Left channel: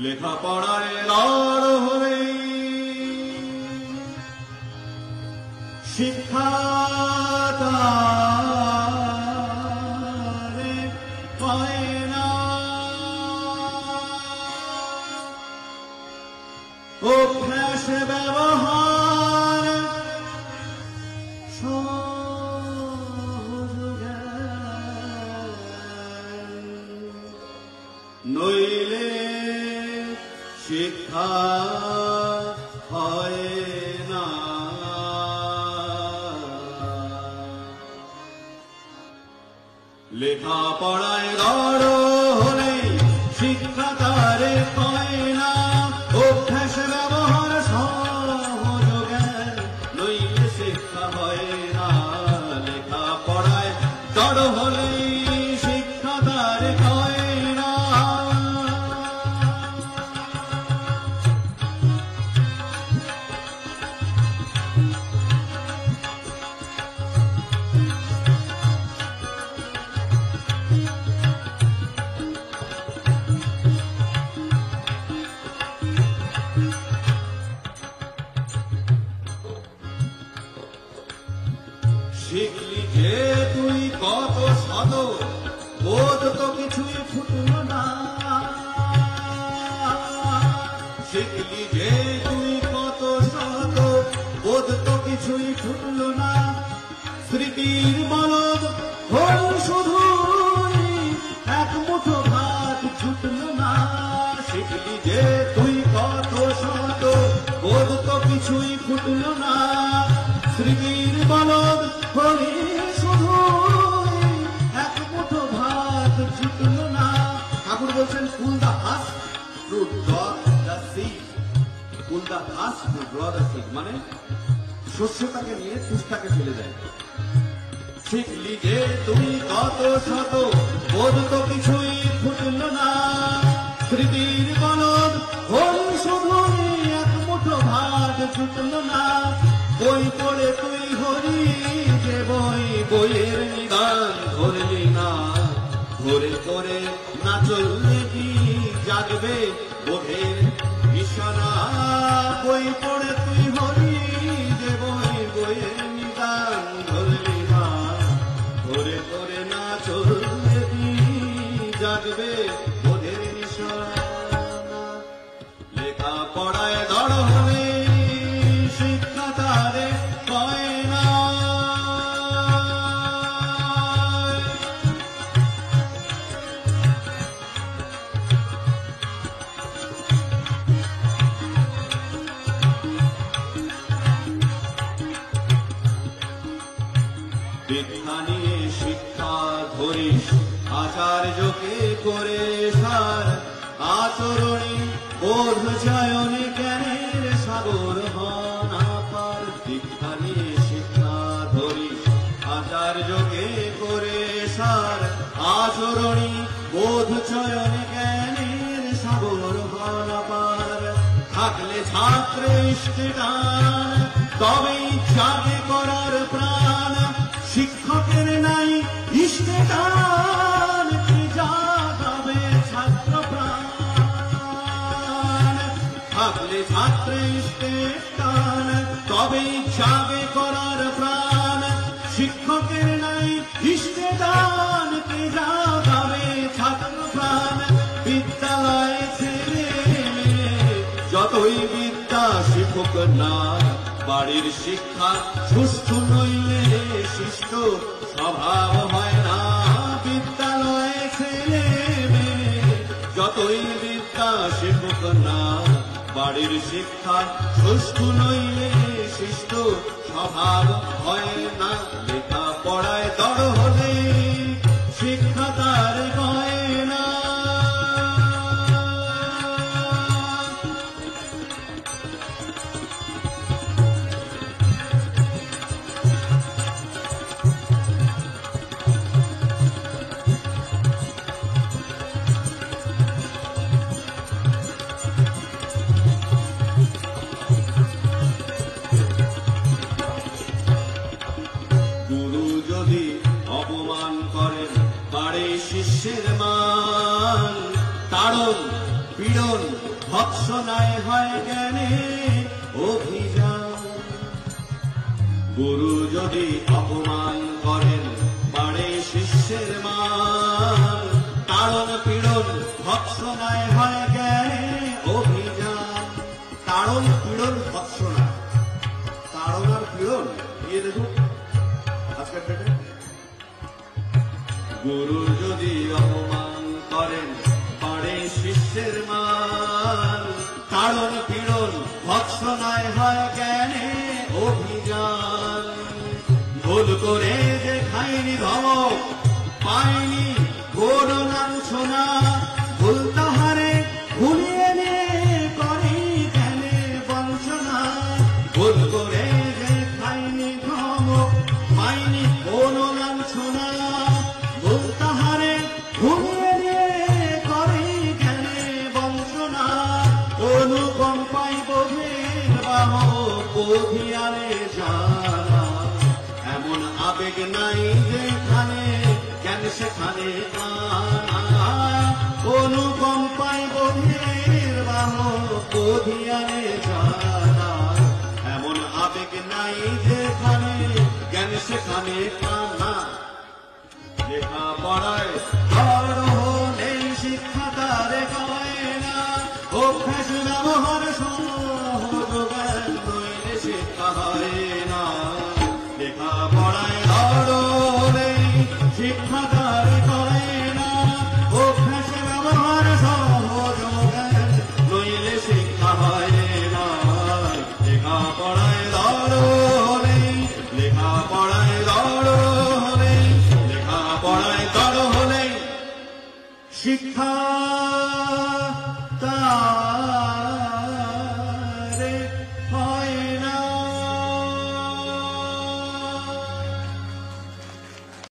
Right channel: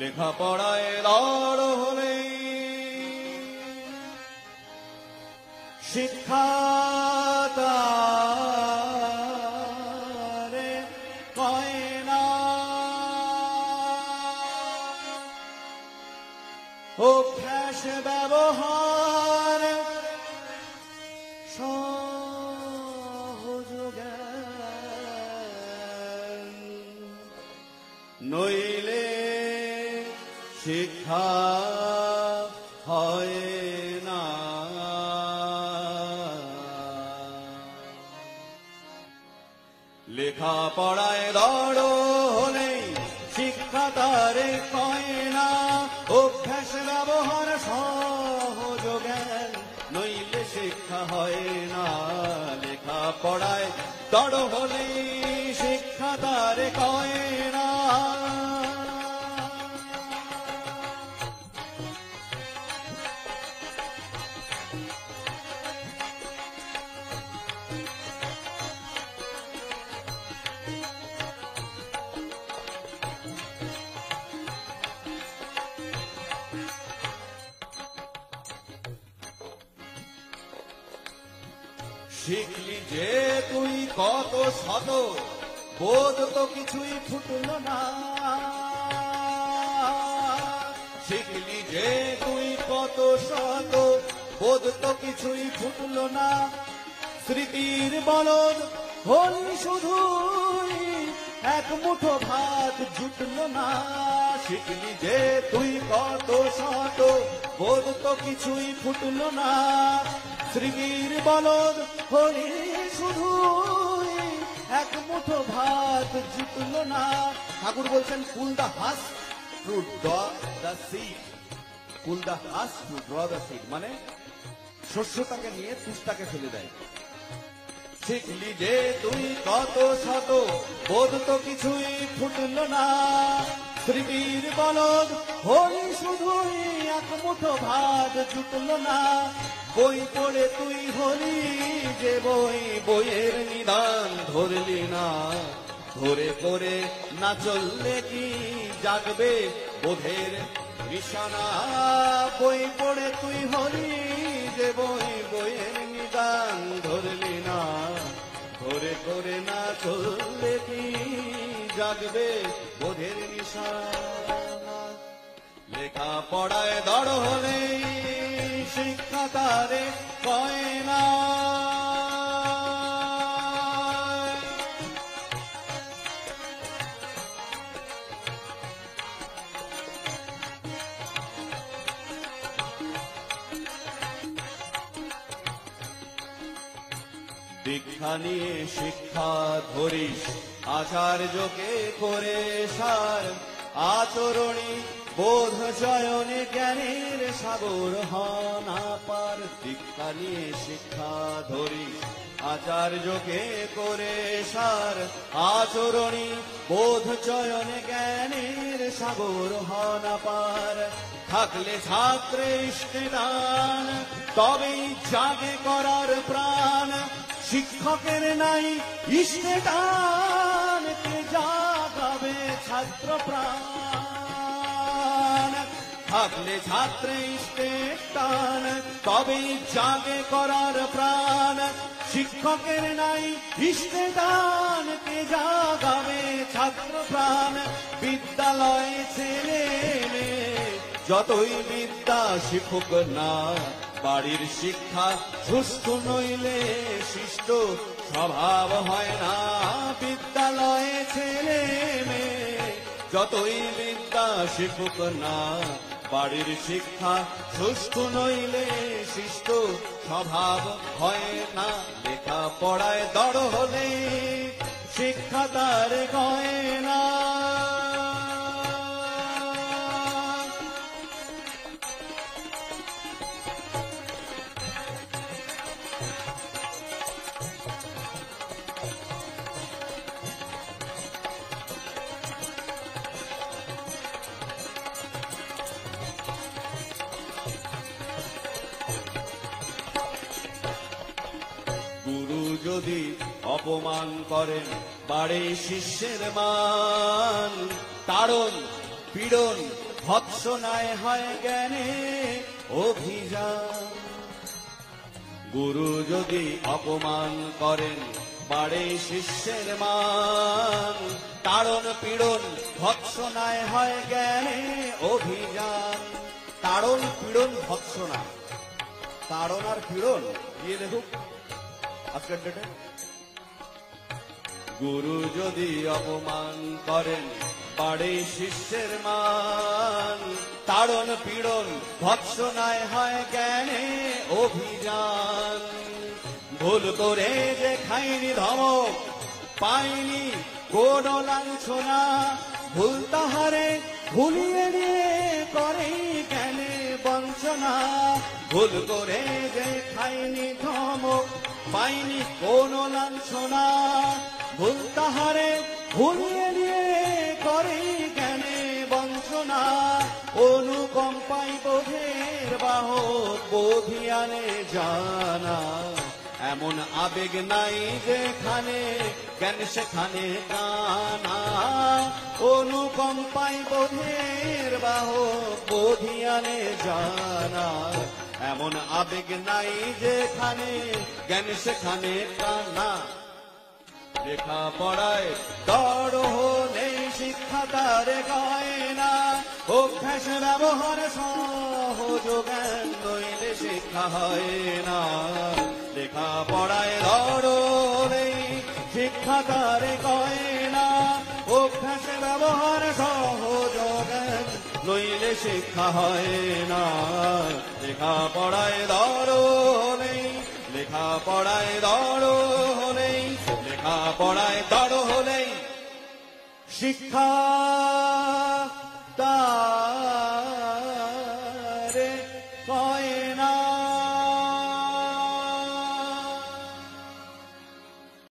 লেখাপড়ায় দড় হই শিক্ষা অভ্যাস ব্যবহার নইলে শিক্ষা হয় না। লেখাপড়ায় দড় হলে শিক্ষা তারে পায় না। অভ্যাস ব্যবহার সহজ জ্ঞান নইলে শিক্ষা হয় না। লেখাপড়ায় দড় হলে শিক্ষা তারে পায় না। শিখলি যে তুই কত শত বোধ তো কিছুই ফুটল না। শিখলি যে তুই কত শত বোধ তো কিছুই ফুটল না। স্মৃতির মরণ হল শুধু এক মুঠো ভাত জুটল না। শিখলি যে তুই কত শত বোধ তো কিছুই ফুটল না। স্মৃতির মরণ হলি শুধু এক মুঠো ভাত জুটল না। ঠাকুর বলছেন পুল দা হাস ফ্রুট ডগ দা সিড। পুল দা হাস ফ্রুট ডগ দা সিড মানে শস্যটাকে নিয়ে পুষ্টাকে চলে যায়। শিখলি যে তুমি কত শত বোধ তো কিছুই ফুটল না। স্মৃতির মরণ হলি শুধু এক মুঠো ভাত জুটল না। বই পড়ে তুই হলি যে বই বইয়ের নিদান ধরলি না। ধরে করে না চললে কি জাগবে ওদের বিছানা। বই পড়ে তুই হলি যে বই বইয়ের নিদান ধরলি না। ধরে করে না চললে কি জাগবে ওদের বিছানা। লেখাপড়ায় দড় হলে শিক্ষা তারে পায় না। দীক্ষা নিয়ে শিক্ষা ধরিস আচার্যকে করে সার। আচরণী বোধ চয়নে জ্ঞানের সাগর মনা পার। দীক্ষা নিয়ে শিক্ষা ধরিস আচার্যকে করে সার। আচরণী বোধ চয়নে জ্ঞানের সাগর মনা পার। থাকলে ছাত্রে ইষ্টেদান তবেই চাবে করার প্রাণ। শিক্ষকের নাই ইষ্টেদান যাবে ছাত্র প্রাণ। থাকলে ছাত্র ইষ্টেদান তবেই চাবে করার প্রাণ। শিক্ষকের নাই ইষ্টেদান যাবে ছাত্র প্রাণ। বিদ্যালয়ে ছেলে যতই বিদ্যা শিক্ষক না। বাড়ির শিক্ষা সুস্থ নইলে শিষ্ট স্বভাব হয় না। বিদ্যালয়ে ছেলে যতই বিদ্যা শিক্ষক না। বাড়ির শিক্ষা সুস্থ নইলে শিষ্ট স্বভাব হয় না। লেখাপড়ায় দড় হলে শিক্ষা তার হয় না। পীড়ন ভৎসনায় হয় জ্ঞানে অভিযান। গুরু যদি অপমান করেন বাড়ে শিষ্যের মান, তাড়ন পীড়ন ভৎসনায় হয় জ্ঞানে অভিযান। তাড়ন পীড়ন ভৎসনা, তাড়ন আর পীড়ন এরকম আছে। গুরু যদি অপমান করেন বাড়ে শিষ্যের মান, তাড়ন পীড়ন ভৎসনায় হয়